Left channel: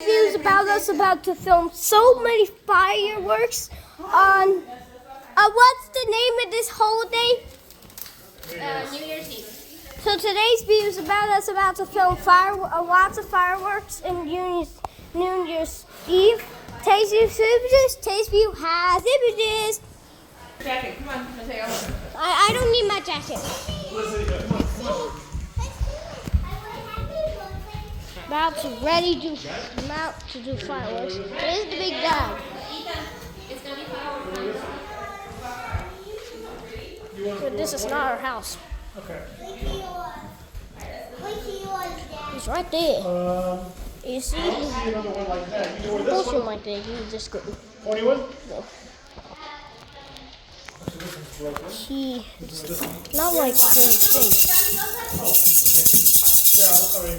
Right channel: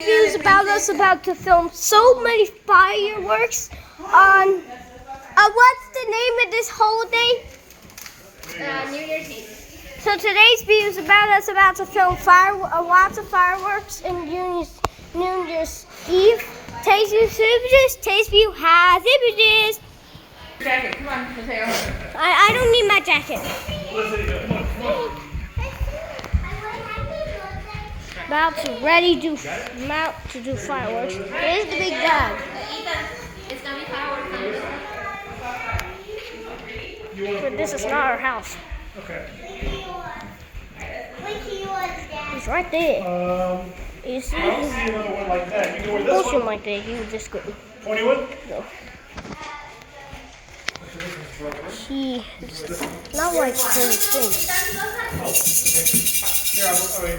News about us about to film so many fireworks on what's the name of this holiday? New Year's Eve. So today's video is about us about to film lots of fireworks in New Year's Eve. Today's view has images. Jacket, come on, Mateo. I don't need my jacket. About to do fireworks. Here's the big dog. It's gonna be fireworks. But this is not our house. Okay. He's right there. You see? I don't see another one like that. You can wear this Push him one. like that. He was just good. 21? No. He not like full thing. Here,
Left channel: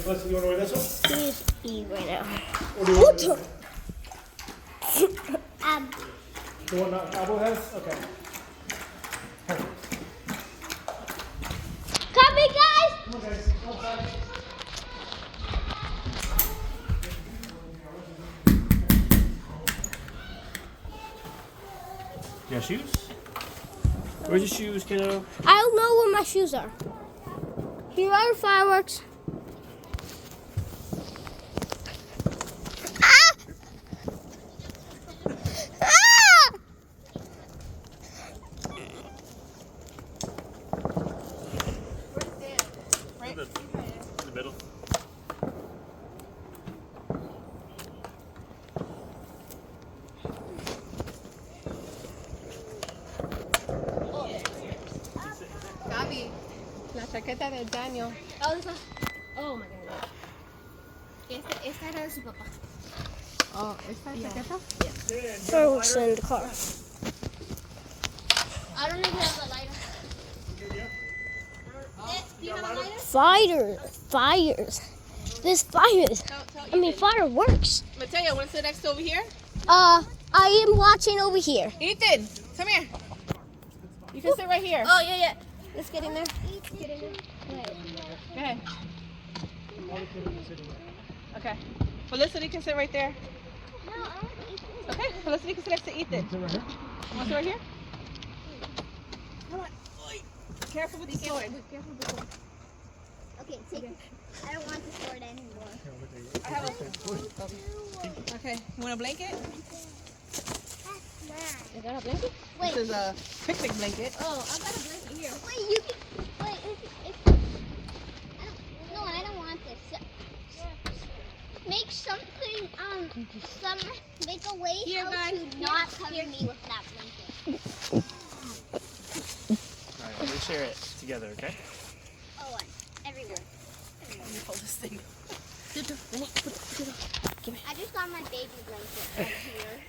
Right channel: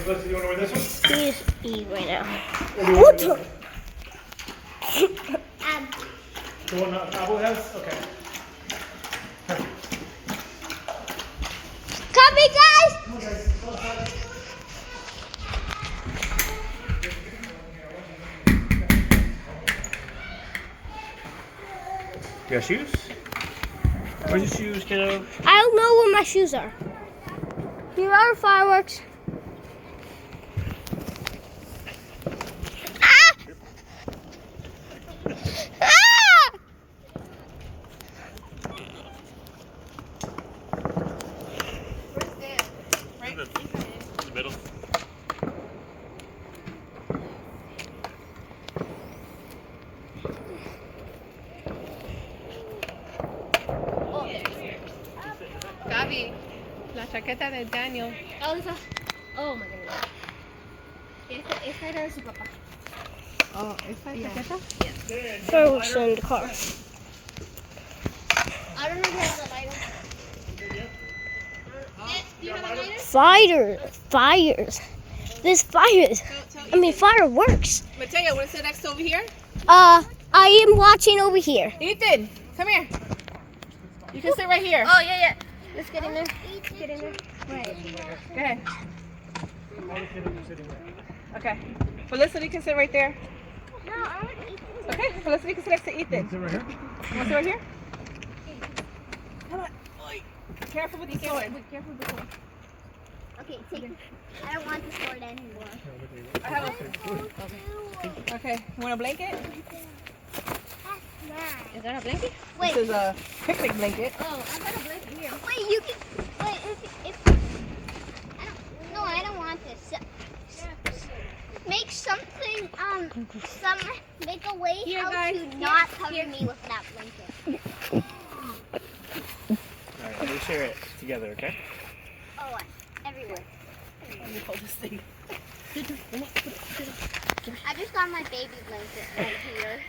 listen, you want to wear this one? He's eating right now. Or do you What want the? the one that Apple has? Okay. Copy, guys! You got shoes? Where's your shoes, kiddo? I don't know where my shoes are. Here are fireworks. Ah! Ah! In the middle. Gaby, la chaqueta de Daniel. Oh my goodness. Este era de su papá. Oh, ¿esta chaqueta? Fireworks in the car. I don't know if you have the lighter. Do you have a lighter? Fires. There's fires. I mean fireworks. Mateo, want to sit next over here? I am watching over here. Ethan, come here. You can sit right here. Oh yeah. Let's get in there. Get in there. Go ahead. Okay. Felicity can sit right there. Okay, Felicity can sit next to Ethan. Sit right here. You want to sit right here? Come on. Careful with the sword. Careful with the sword. Okay, take it. I don't want the sword anymore. Okay, you want a blanket? Is that a blanket? Wait. This is a picnic blanket. Oh, I got a blanket here. Wait, you can. Wait, if no, I don't want this. Make something. Make a way Here, how guys. to not cover me with that blanket. Alright, let me share it together, okay? Oh, everywhere. Let me hold this thing. I just got my baby blanket right here.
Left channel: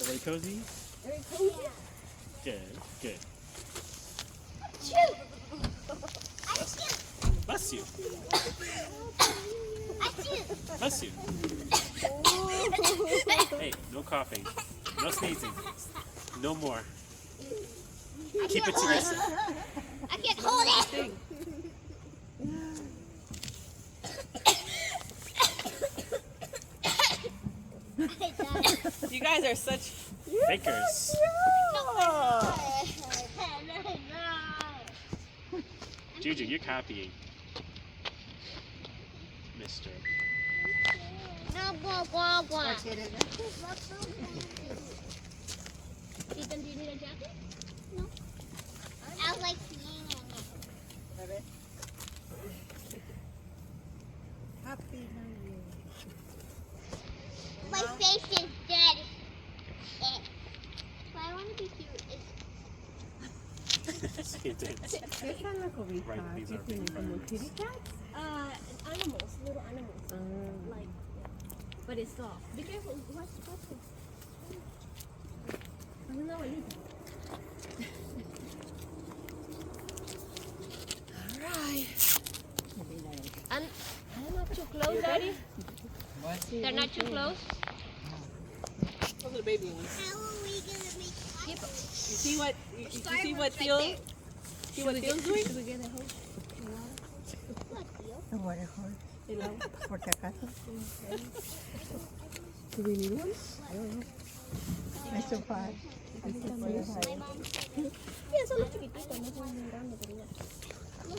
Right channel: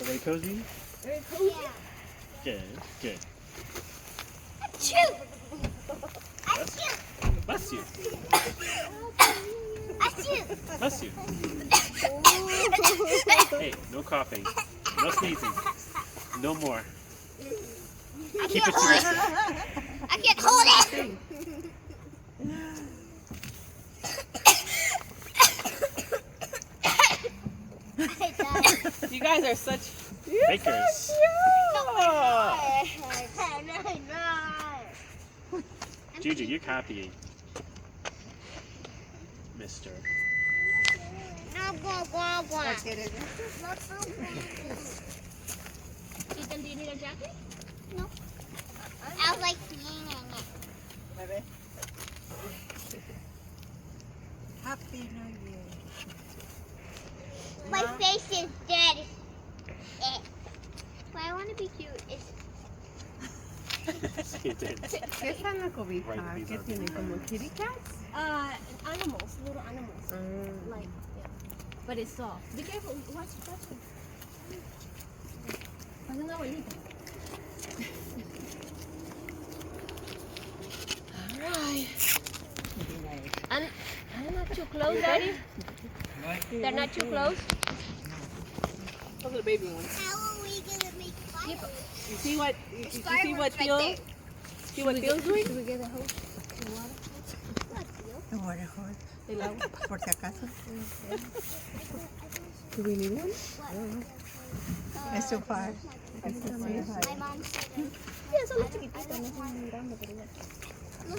Everybody cozy? Yeah. Good. Achoo! Achoo! Bless you. Achoo! Bless you. Hey, no coughing. No sneezing. No more. Keep it to yourself. I can't hold it. You guys are such Bakers. Juju, you're copying. Mister. Let's get it. Ethan, do you need a jacket? No. I was like, Happy New Year. my face is dead. But I want to be cute. It did. ¿Qué está en la cobija? Right, these ¿Qué are tiene? ¿Como kitty cats? Animals, little animals. Like, but it's soft. Be careful. Watch it. Parece una abuelita. Alright. I'm not too close, Daddy. They're not too close? Those are the baby ones. How are we gonna make fire? You see what Theo? See what Theo's doing? ¿El water hose? Por si acaso. Do we need one? It's so hard. My mom's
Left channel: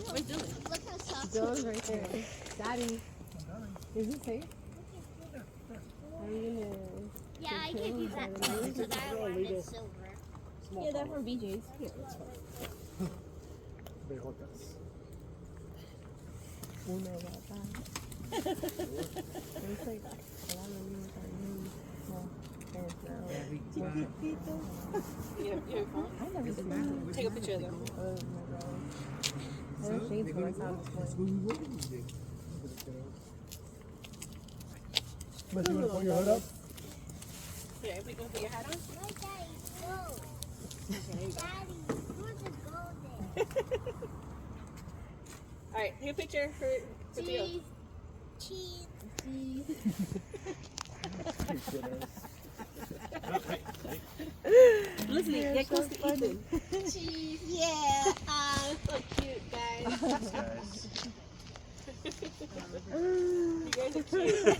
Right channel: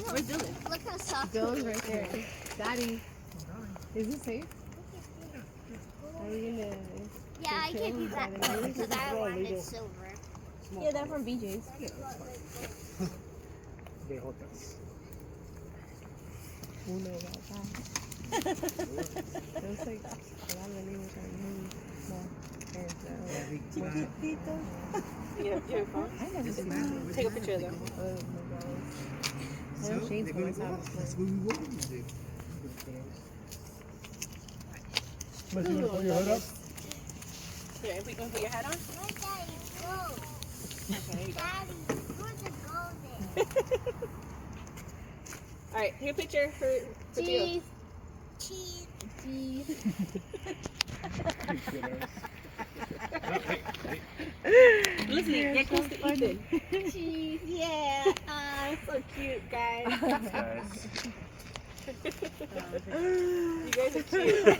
Where's Dylan? look how soft. Dylan's right there. Daddy, is it safe? Are we gonna? Yeah, I can't use that because that one is silver. Yeah, they're from BJ's. Bejotas. Uno gata. Looks like a lot of animals are really small. Yeah, phone? I never seen it. Take a picture of them. Oh my god. So, they're gonna go. That's what we want to do. Unless you want to put your hood up. Yeah, we gonna put your hat on? No, Daddy, no. Okay, there you go. Daddy, put the gold Alright, take a picture for Theo. in. Cheese. Listen, get close to Ethan. Cheese. Yeah. So cute, guys. Guys. You guys are cute.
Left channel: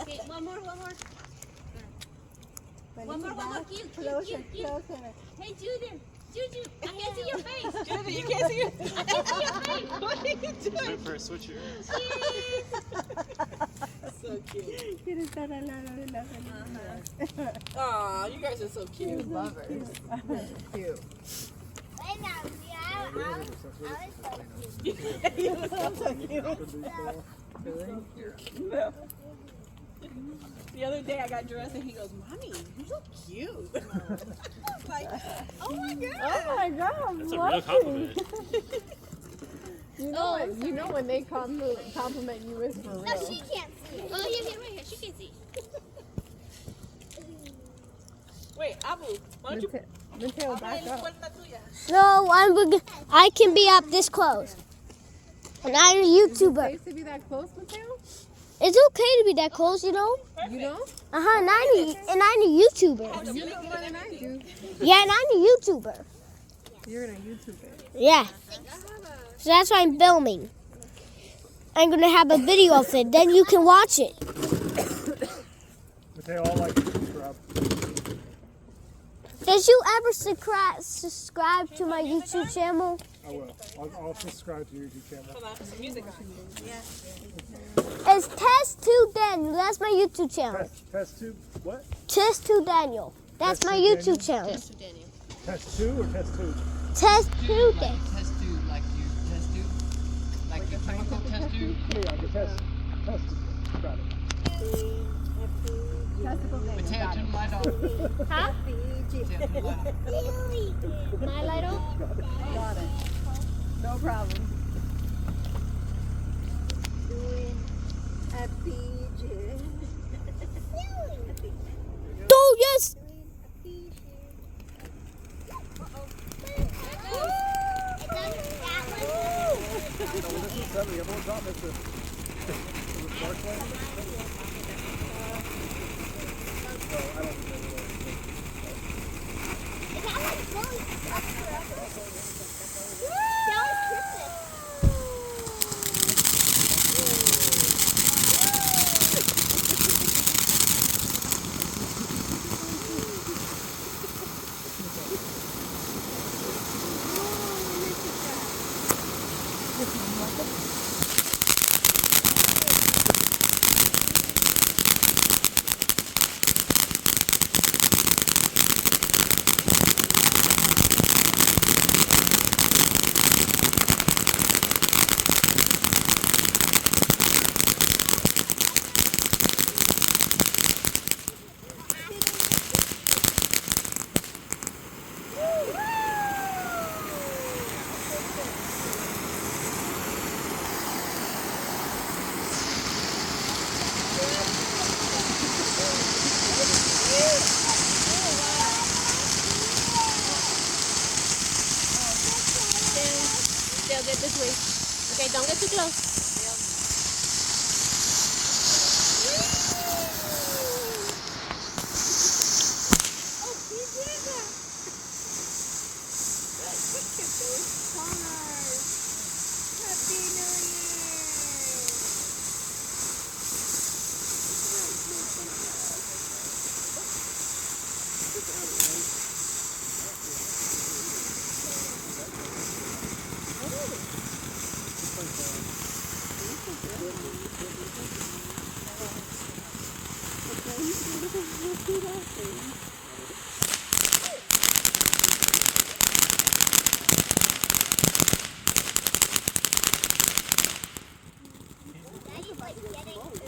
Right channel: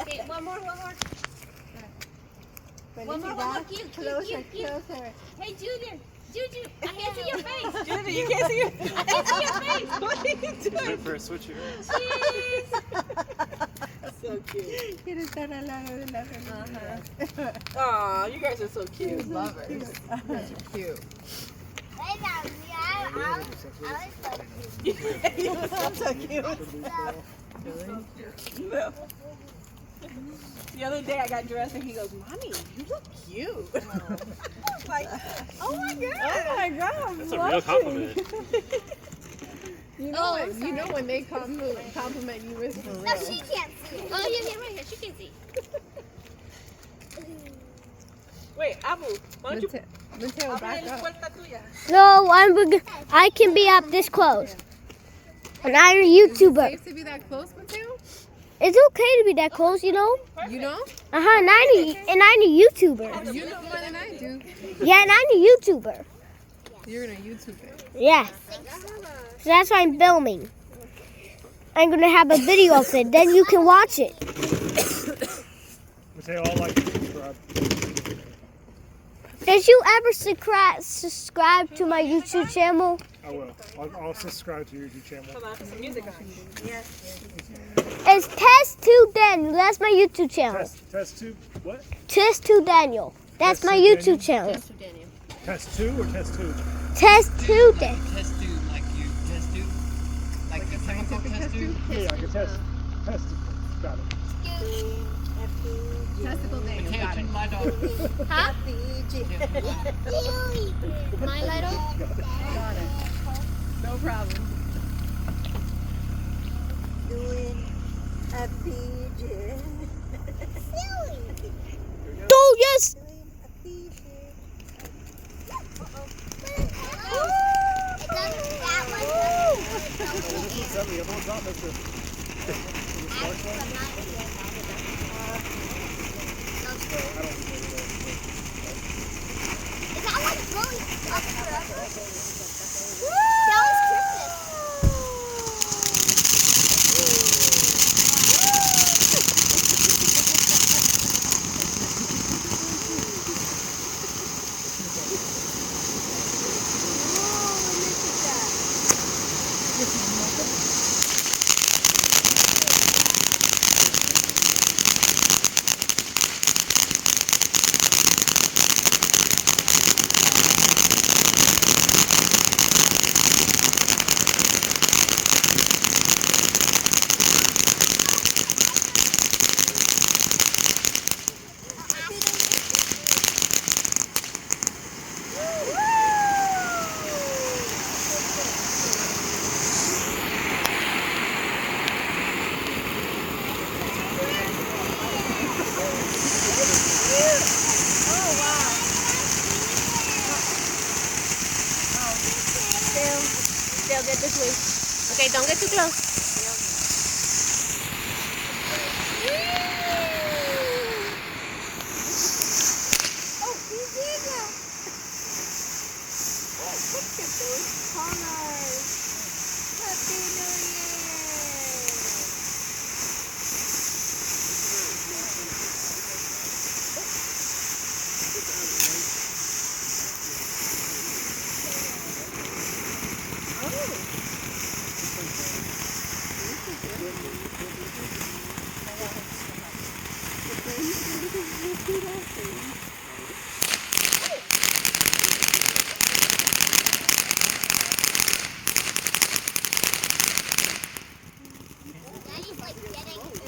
Okay, one more. One more. Cute. Closer. Hey, Junior. Juju, I can't see your face. Judy, you can't see your I can't see your face. What are you doing? Wait for a switcher. Cheese. So cute. Quieres estar al lado de la familia. Aw, you guys are so cute. Lovers. Cute. Wait, I was You sound so cute. The other day I got dressed and he goes, "Mommy, you look cute." I was like, "Oh my god!" Oh my god, That's a real compliment. You know when they compliment you, it's for No, real. she can't see. Oh, yeah, right here. She can see. Wait, Apple, why don't you Mateo, back up. No, I can be up this close. And I'm a YouTuber. Safe to be that close, Mateo? It's okay to be that close, you know? You know? And I'm a YouTuber. You know more than I do. Yeah, and I'm a YouTuber. You're gonna YouTube it. Yeah. So that's why I'm filming. I'm going to have a video of it. Then you can watch it. Mateo, I'll like and subscribe. Did you ever subscribe to my YouTube channel? I will. I'll subscribe to your YouTube channel. It's Test2 Daniel. That's my YouTube channel. Test 2, what? Test2 Daniel. That's my YouTube channel. Test 2 or test 2? Test2 Daniel. Test tube, like you test tube? Like the chemical test tube? Yeah, like a testicle. Got it. Testicle day. Mateo, turn the light off. Huh? My little? Got it. No problem. Oh, yes. This one's heavy. I'm going to drop this. They'll get this way. Okay, don't get too close. Daddy's like getting food.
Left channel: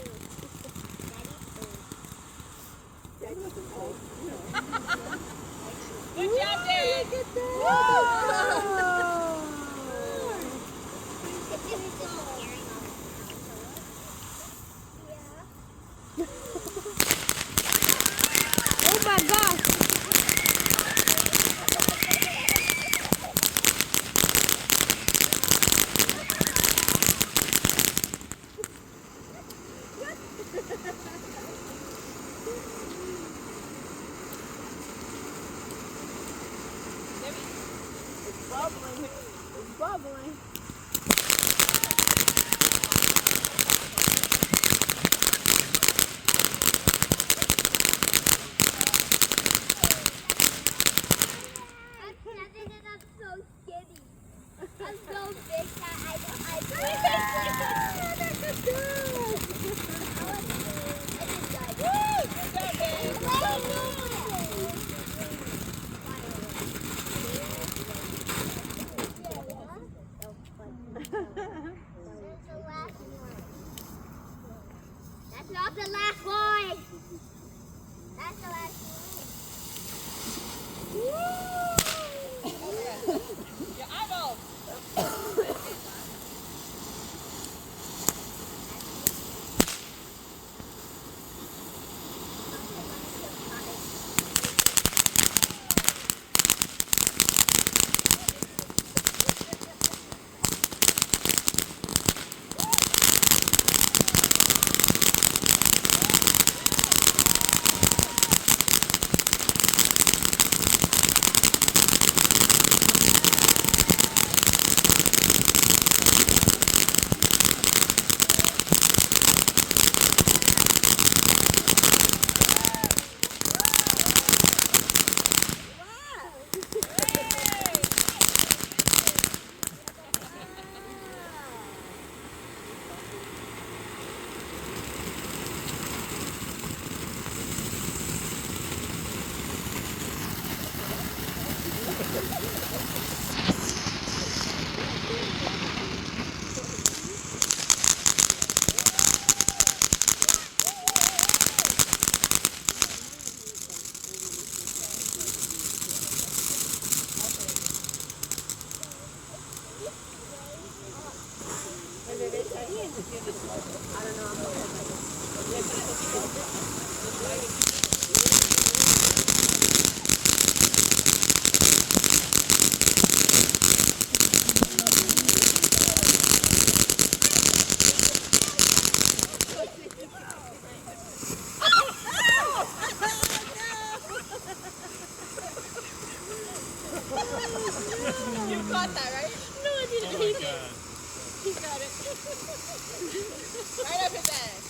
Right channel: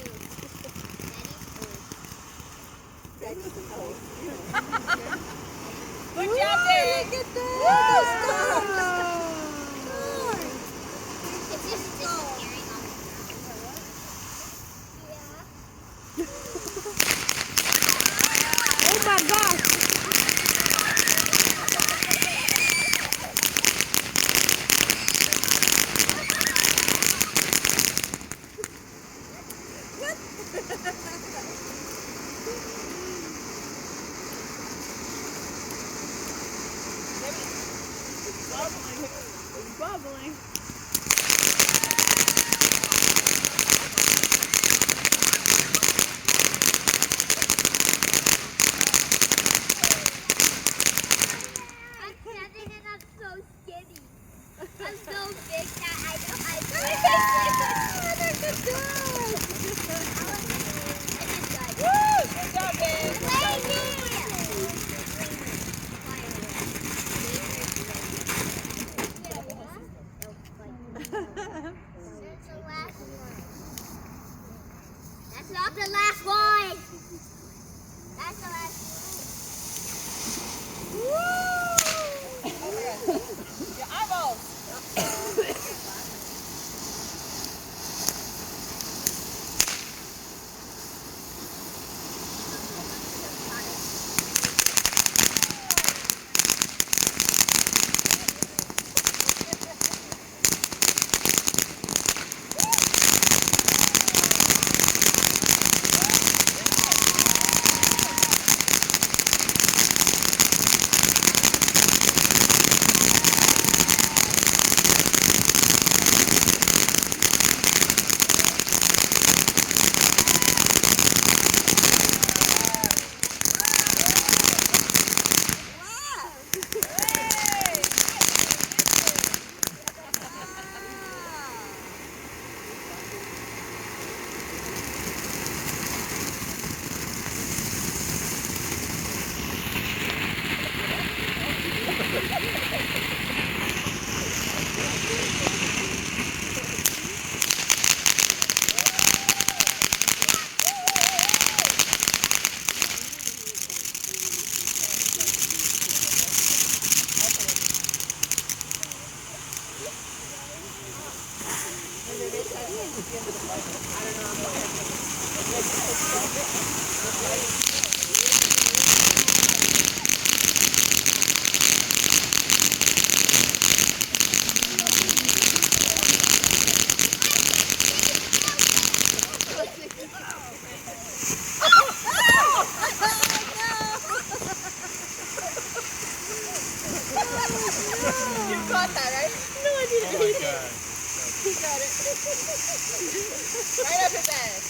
Good job, Dad. It's just scary. Oh my gosh. It's bubbling. I'm standing and I'm so skinny. I'm so big that I can't do. That's not the last one. That's the last one. Your eyeballs. You caught that, right? No, I didn't. He did. He got it. Right up his ass.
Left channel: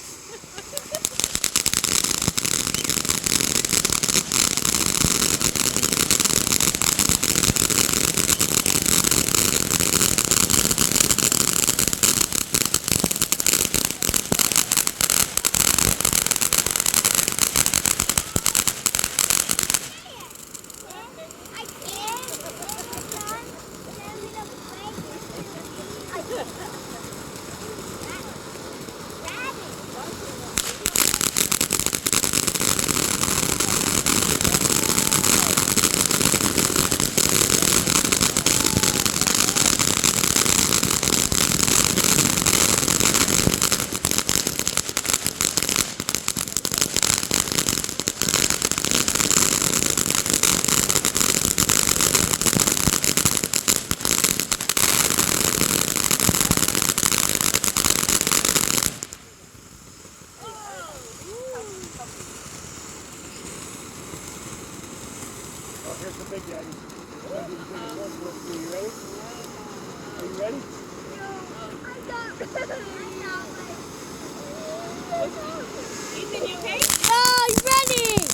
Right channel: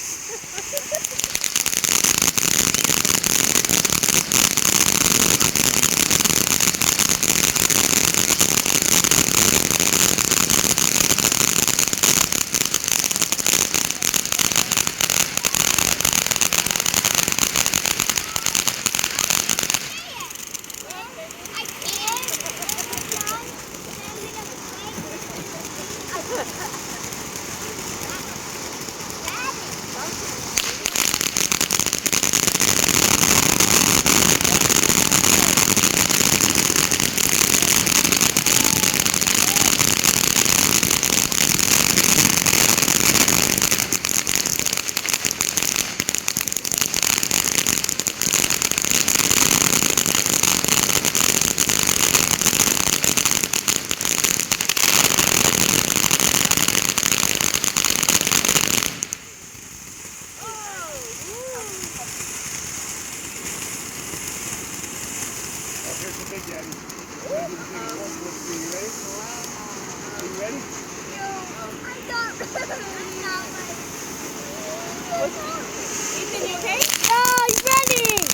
No, he's running.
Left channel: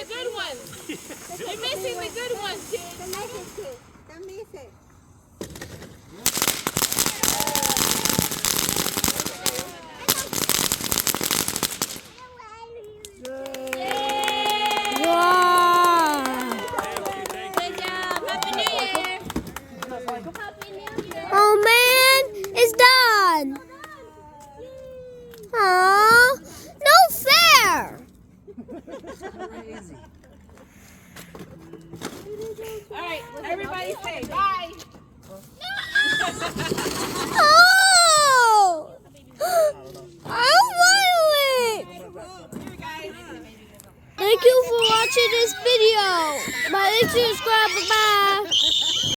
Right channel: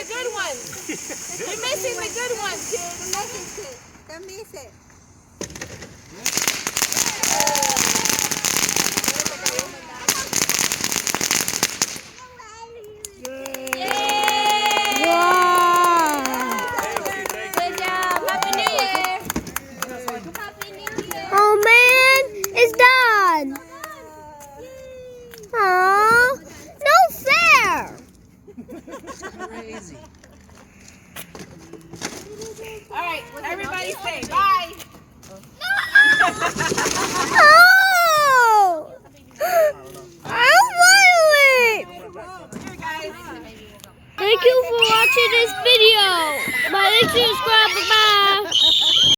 the good ones. You're missing the good ones, kids. Wow. Good job. Happy New Year. Oh man, it's done. Aww, no fair. Crazy. All right, everybody say bye. Oh, I'm violent. Thank you for watching this video. Like, subscribe, bye.